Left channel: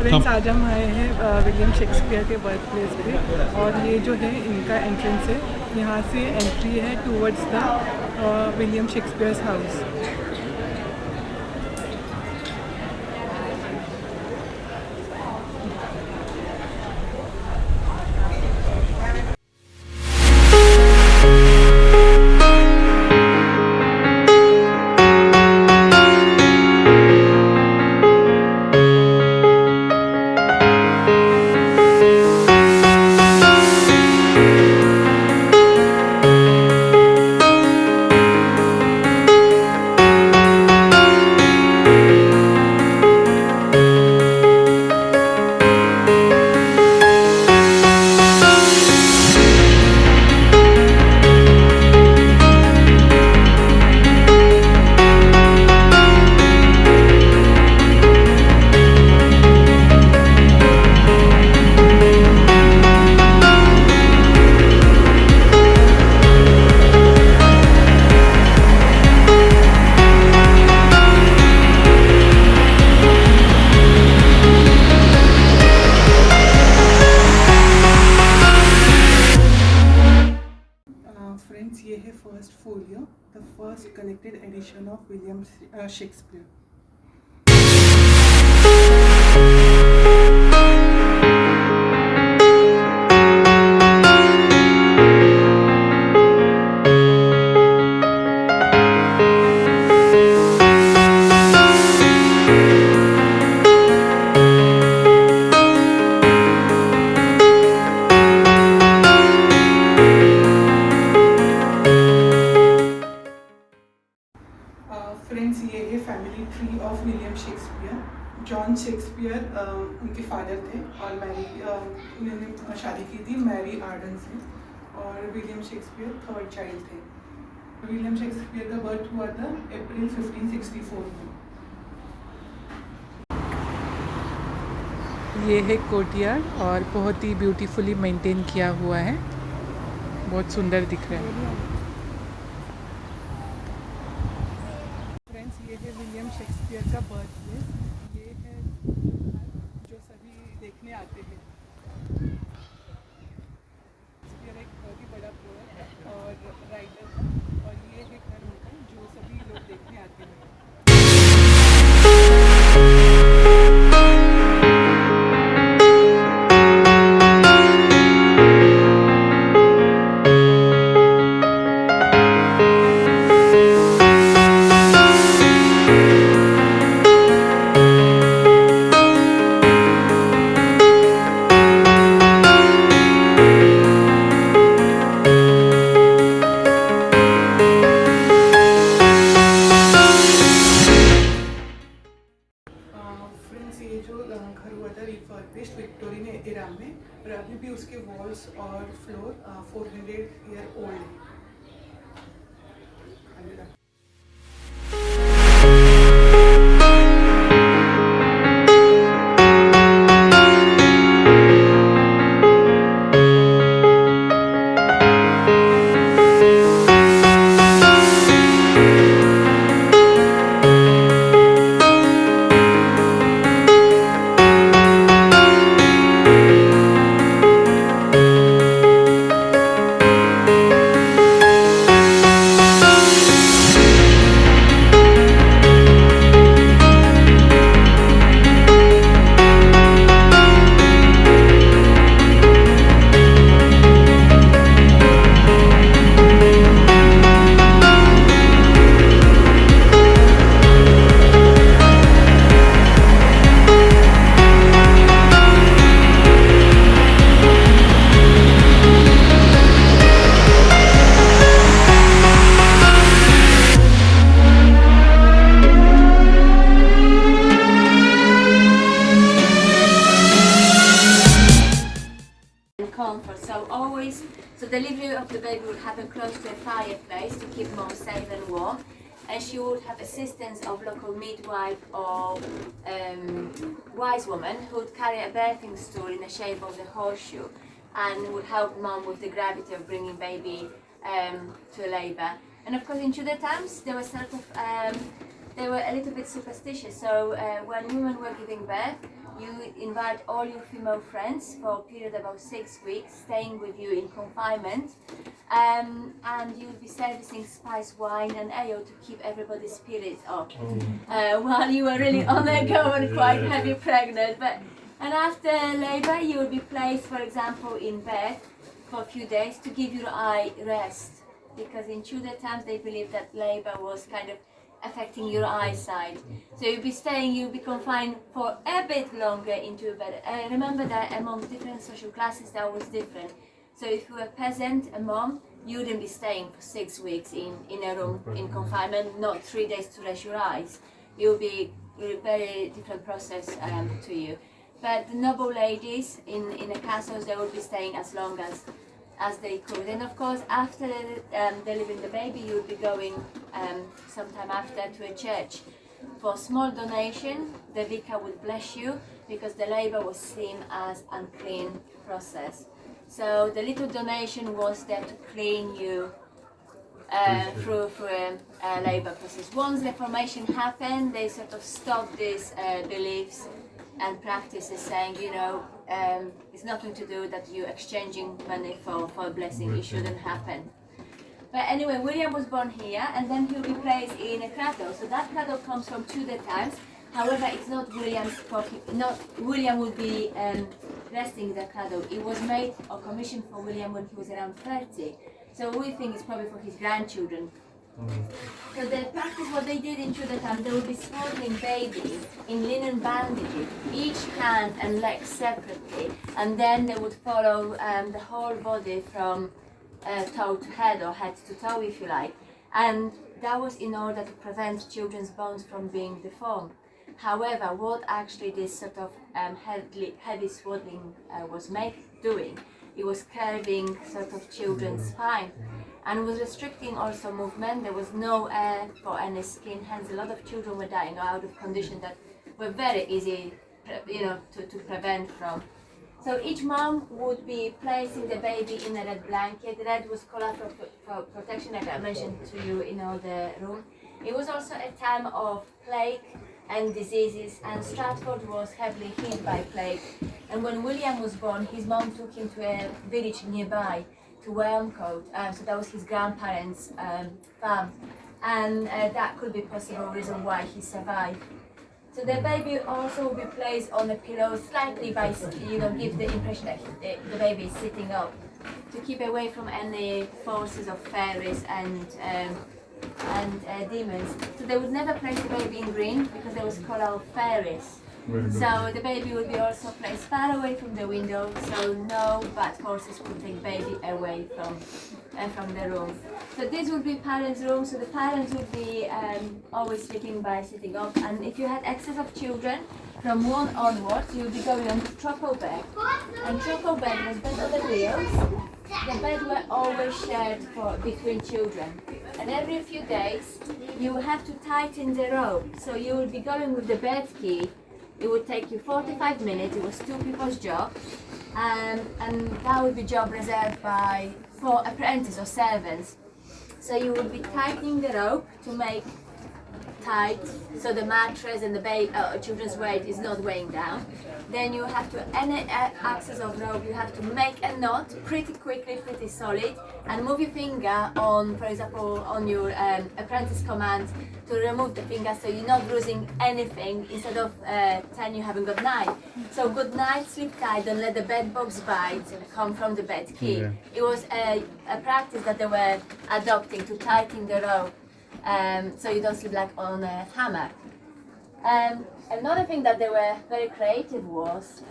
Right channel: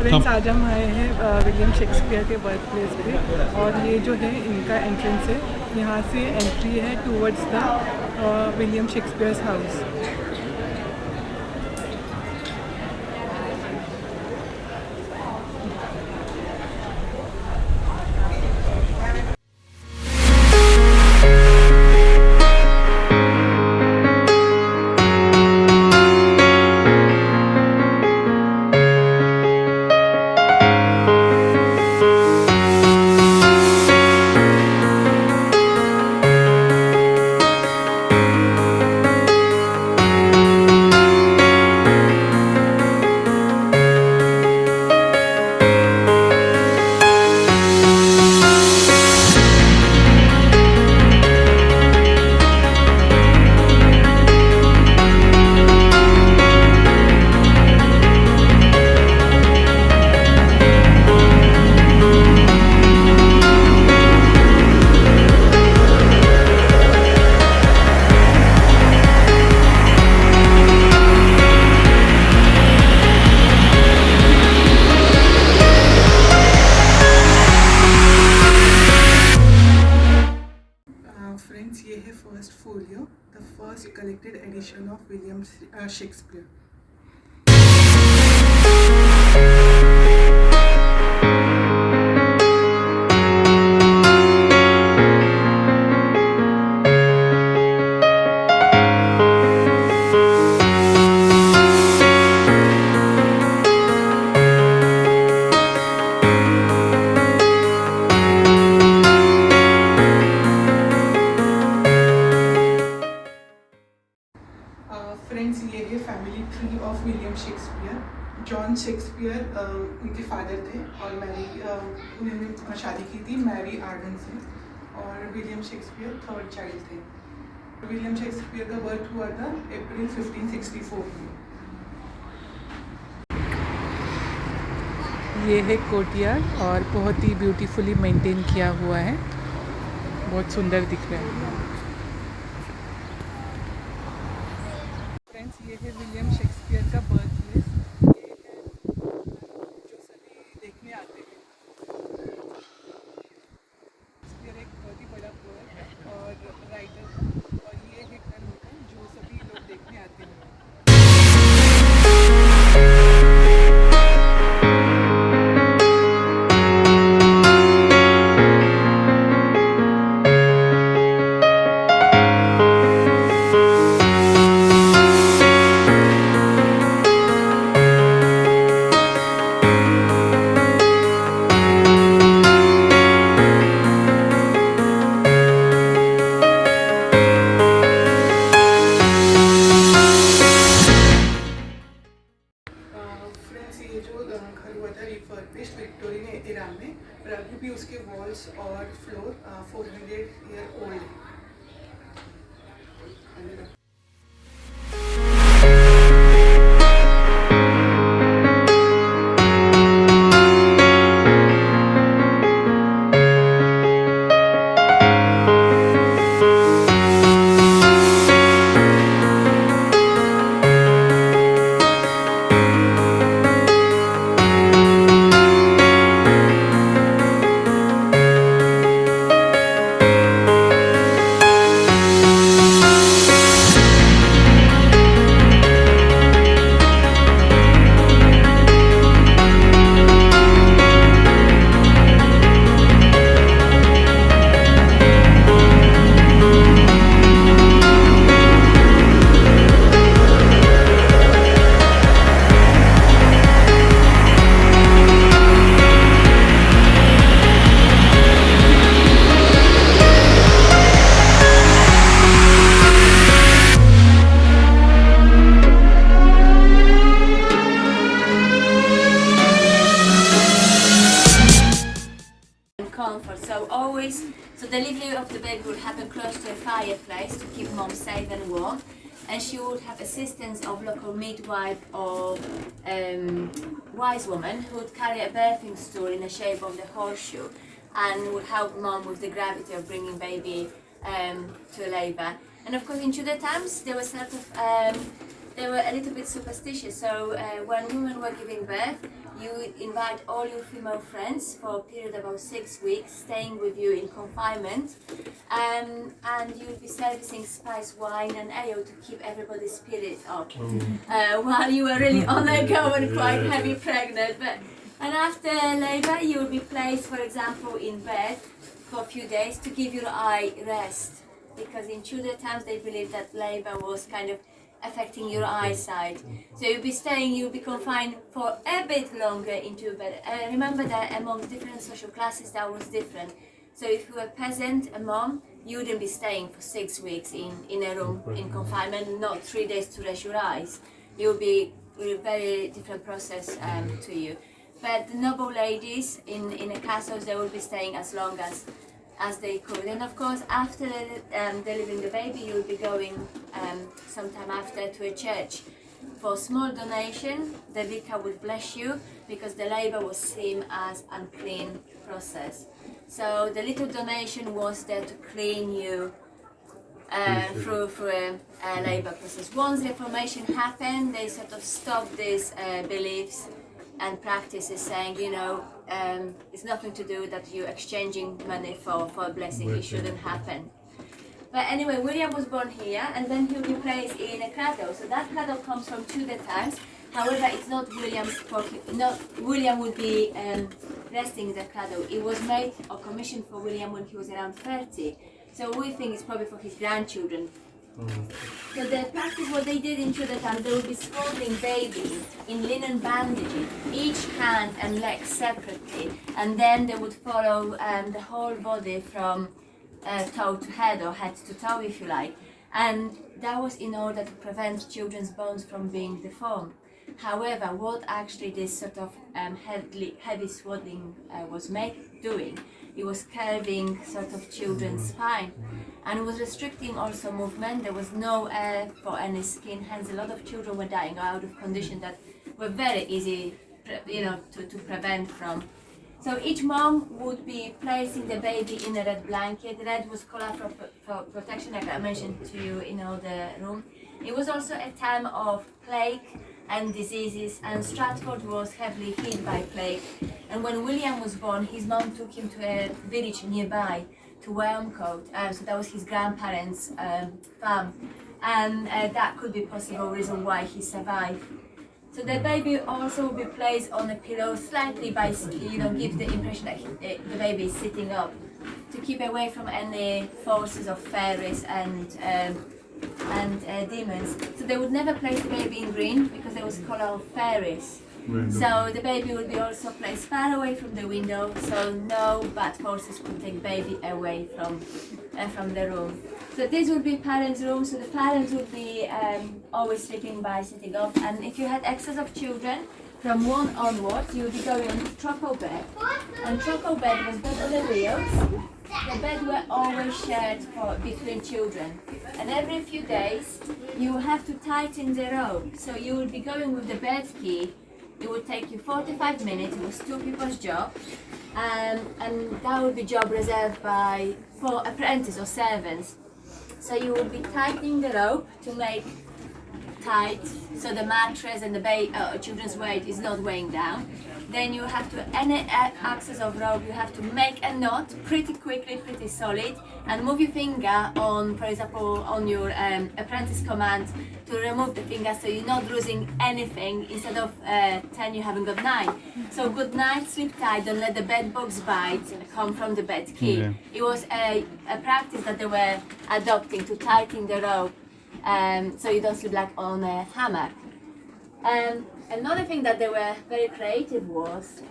Friends, आज हम आए हैं विलियम शेक्सपियर के बर्थ प्लेस पे और ये जो है इनका एंट्रेंस है। यहाँ से एंट्री है towards the William Shakespeare's house. Friends, ये है first folio, the first collected edition of William Shakespeare. Friends, ये है family tree of William Shakespeare. John Shakespeare उनके फादर थे और उन्होंने शादी की थी मैरी आर्डन से, और विलियम शेक्सपियर थर्ड चाइल्ड थे। विलियम शेक्सपियर का बर्थ हुआ था अप्रैल 1564 में। ये है कोर्टयार्ड और बहुत ही ब्यूटीफुली मेंटेन किया हुआ है, बहुत सुंदर दिख रहा है। ये है विलियम शेक्सपियर का बर्थ प्लेस। ये है जो सभी देखने आते हैं। शेक्सपियर एक बहुत ही बड़ा पोएट और राइटर था, और ये है घर उनका जो सभी लोग देखने आते हैं। ये जो घर हुआ था रिफर्बिश्ड विक्टोरियन एरा में, और अभी भी उसके वॉल्स और फ्लोर 400 ईयर ओल्ड है। So delivery of the baby would happen close to a fireplace to keep mom safe and warm, and she would have assistance of local midwife or wise woman who would carry a birthing stool in the shape of the horseshoe and would help mom with the gravity of bringing baby to labour. And of course in Tudor times they were they were a little bit superstitious, so when women were giving birth, you invite all your female friends for a period of about 6 weeks, staying with you in confinement, and you'll be servicing spiced wine and ale to keep everybody's spirits up while you were really on the go and quite heavy pregnant. And after labour, you will be placed, for example, in bed for a few days to give your eye rest, because in Tudor times they believed that labour was kind of affecting your eyesight. So you'll be confined for a bit longer into bed. Remember that among different social classes that was different. So if you were a peasant, a mom, you wouldn't be staying for 6 weeks in a room in confinement, not 3 days to rest your eyes. It will be a very different process to you. But the noble ladies in the castles, they will be staying as long as they could. And of course, after delivering the baby, you will be going sometime after to a church. For small donation, the vicar would bless you, because the labour was seen as unclean process. So the little donation was there to clean you through a labour process. Once Reformation happened, they sort of stopped these beliefs and practices, saying, it's nothing to do that you're exchanging money for a blessing. It shouldn't happen. But anyway, William was born here, and then he'll be placed in a cradle. So that cradle comes from Tudor times. However, it's not William's. Not William would be resting in the cradle. It was made or commissioned for William when he was around 30. So we think it's probably for his grandchildren. So the practice, what they did in Tudor times, they would be swaddling babies in linen bandages, each hand and leg separately, and then they would follow the whole body from toe to head, or head to toe, if you like. And that was in order to prevent children's bones from being deformed. However, what actually this sort of heavy swaddling was doing, it was curving sort of children's spine, and was restricting also movement. There was no air for any skin, hence a lot of children were dying out of conditions that were very easy to prevent from. So each mom would be placing the baby in a red blanket. Red was colour for protection, like I mentioned to you in all the room. It was also a time of plague and diseases, and Stratford was heavily hit by plague. And when William was born, his mom took him to a village nearby, to Wilmcote. So that was his grandparents' farm, and that could be possible reason why he survived. So the baby also will be placed on a pillow, slightly by, give the impression that the baby is sitting up, to keep away from any forces of fairies and demons. So they would never place the baby in green, because there was colour of fairies. So the baby would be also placed far away from the window, so no bad forces could take baby away from the room. So this would be parents' room. So the parents would be always sleeping by sitting up, and if you had excess of children, from 1 onwards, you would be going on to troco bed. And troco bed was bed on the wheels. The bed were always shared between children. And every few days, you have to tighten the rope. So you would be going with the bed key. It would take you 45 minutes. It was 2 people's job. And that would be job reserved for apprentices or servants. So you would be tightening the rope to make tight, so the mattress and the children's weight is not weighing down. Then you have to, any access of rope, you have to make a knot pretty quickly, pretty solid, and move your finger on, for example, on your apprentice command to remove the finger, so you're not losing anything. Instead of 10, you haven't got 9. So good night, sleep tight, don't let the bed bugs bite come from the bed key. Yeah. It was a practice that they were adopting to tighten the rope, so you don't sleep like on a hammock. Another thing that they were very creative was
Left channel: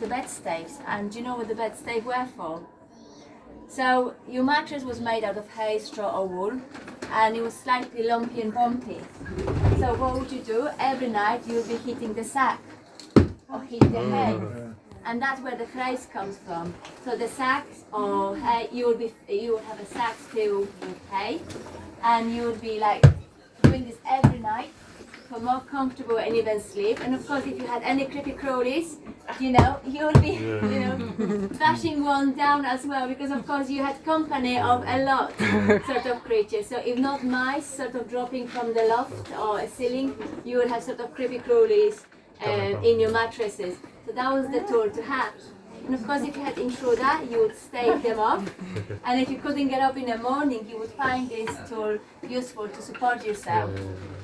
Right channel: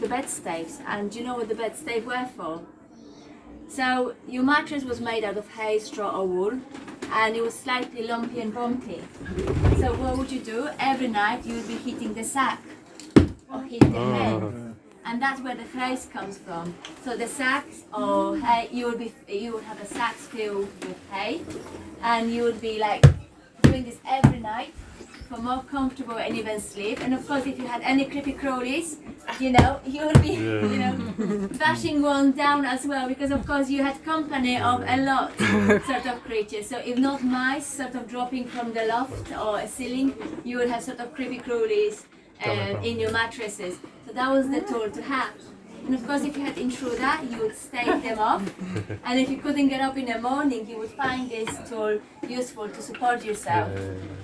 the bed staves. And do you know what the bed stave were for? So your mattress was made out of hay, straw or wool, and it was slightly lumpy and bumpy. So what would you do? Every night you would be hitting the sack or hit the hay. And that's where the phrase comes from. So the sacks or hay, you would have a sack filled with hay, and you would be like doing this every night for more comfortable and even sleep. And of course, if you had any creepy crawlies, you would be, bashing one down as well, because of course you had company of a lot sort of creatures. So if not mice sort of dropping from the loft or a ceiling, you would have sort of creepy crawlies in your mattresses. So that was the tool to have. And of course, if you had intruder, you would stave them off. And if you couldn't get up in the morning, you would find this tool useful to support yourself.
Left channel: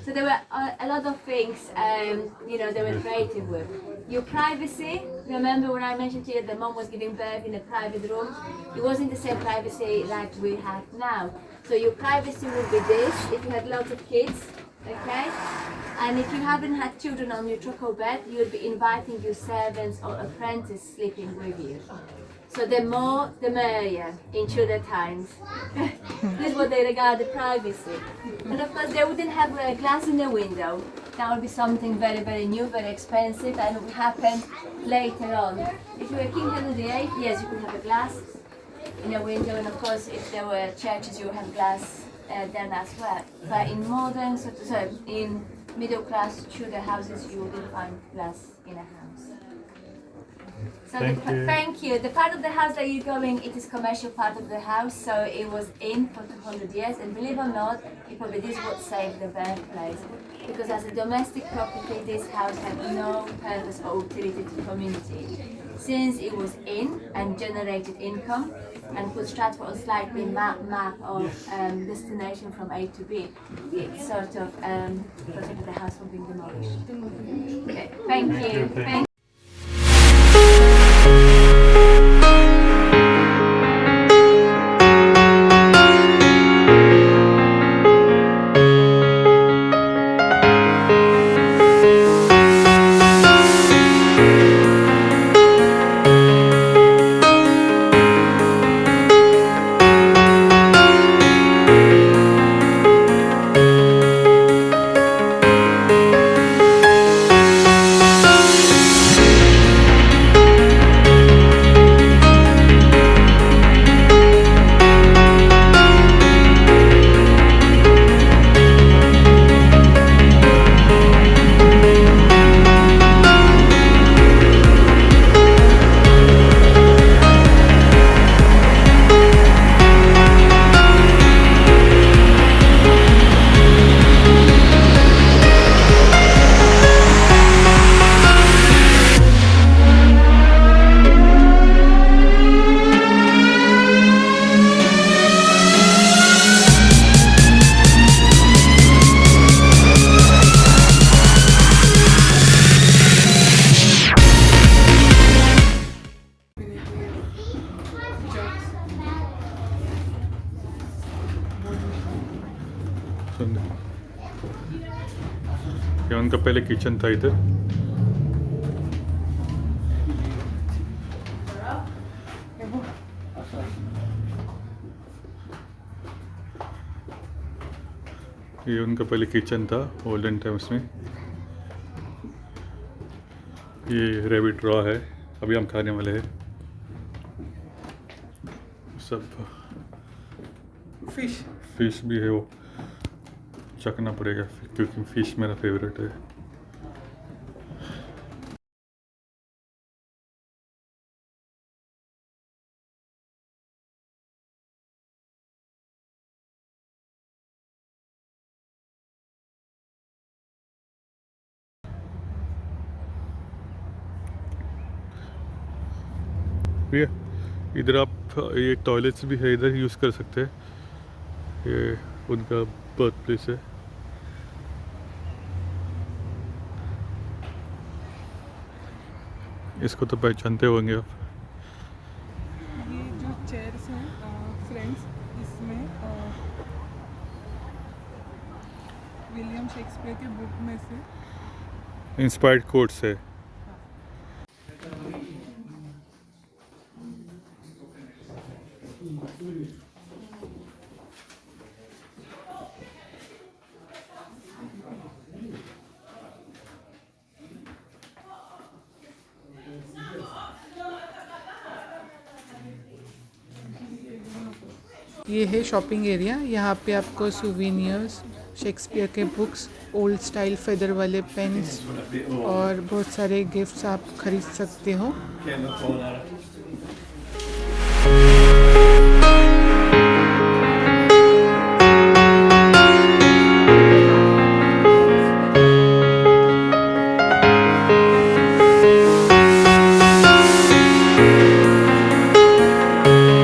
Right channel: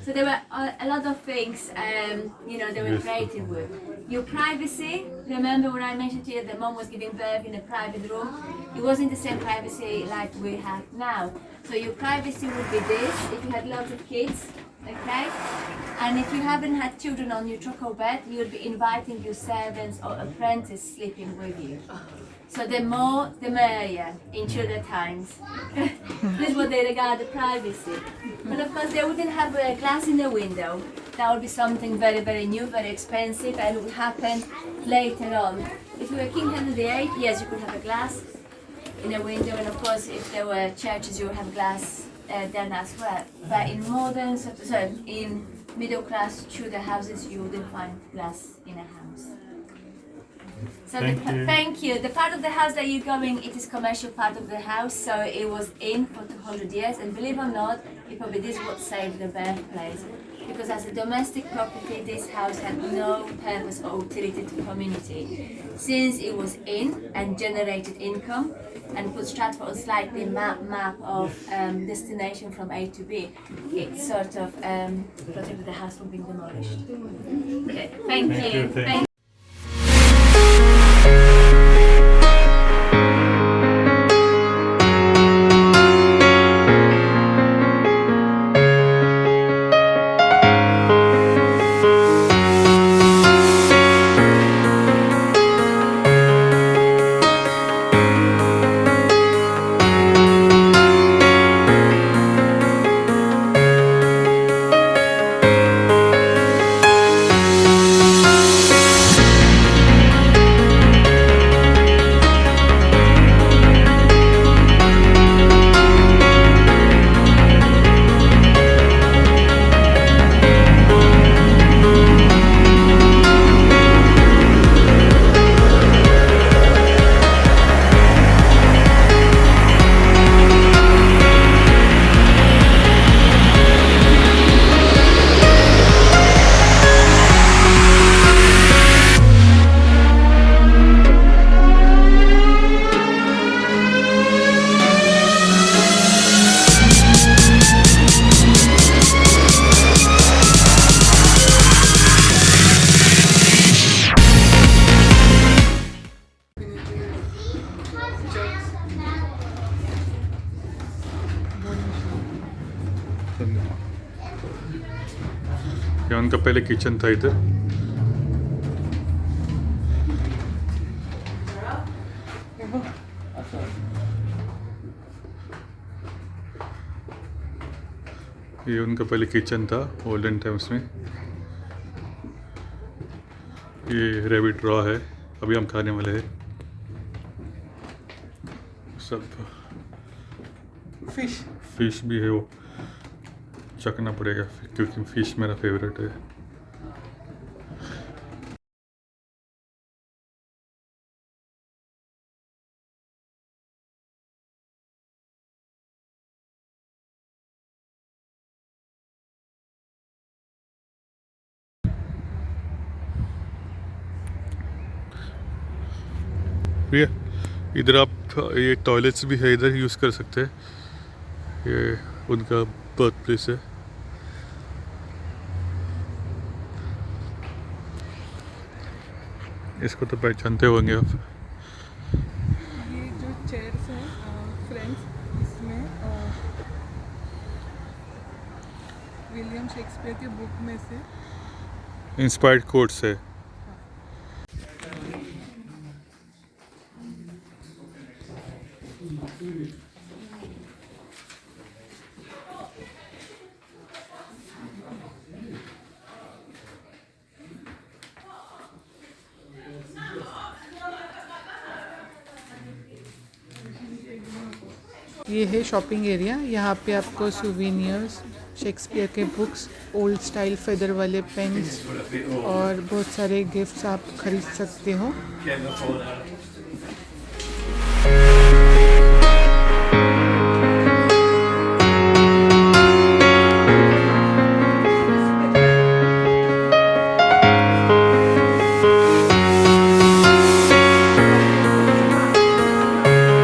So there were a lot of things, they were creative with. Your privacy, remember when I mentioned to you that mom was giving birth in a private room? It wasn't the same privacy like we have now. So your privacy would be this, if you had lots of kids, okay? And if you haven't had children on your truckle bed, you would be inviting your servants or apprentice sleeping with you. So the more, the merrier in Tudor times. This is what they regard the privacy. But of course, they wouldn't have a glass in the window. That would be something very, very new, very expensive, and it would happen later on. If you were King Henry VIII, yes, you could have a glass in a window, and of course, if there were churches, you would have glass then as well. But in modern, in middle class Tudor houses, you wouldn't find glass in a house. So thank you. The part of the house that you're going, it is commercial part of the house, so it was in for 200 years, and believe it or not, it probably this what saved the birthplace. Because as a domestic property, this house had no purpose or utility to community. Since it was in and generated income, and put Stratford on slightly map of destination from A to B, it sort of protected the house from being demolished. Okay, thank you. Thank you. ये उनका पहले kitchen था इधर। ये उनका पहले kitchen था olden times में। ये रैबिट रॉ है, अभी हम खाने वाले हैं। सब फिश भी है, वो चखना पड़ेगा क्योंकि फिश मेरा फेवरेट है। भैया इधर आप ये टॉयलेट्स भी है, इधर यूज़ कर सकते हैं। ये उनका बर्थ प्लेस है। इसको तो पहचानते होंगे आप। ये जो चेयर्स हैं फ्रेंड्स, इसमें विलियम शेक्सपियर की बुक में से इंस्पायर्ड कोट्स है। ये है शॉपिंग एरिया। यहाँ पे आपको सुवेनियर्स, शेक्सपियर के बुक्स, ओल्ड स्टाइल फेदर वाले पेन्स और बहुत सारे गिफ्ट्स आप खरीद सकते हो। हैं।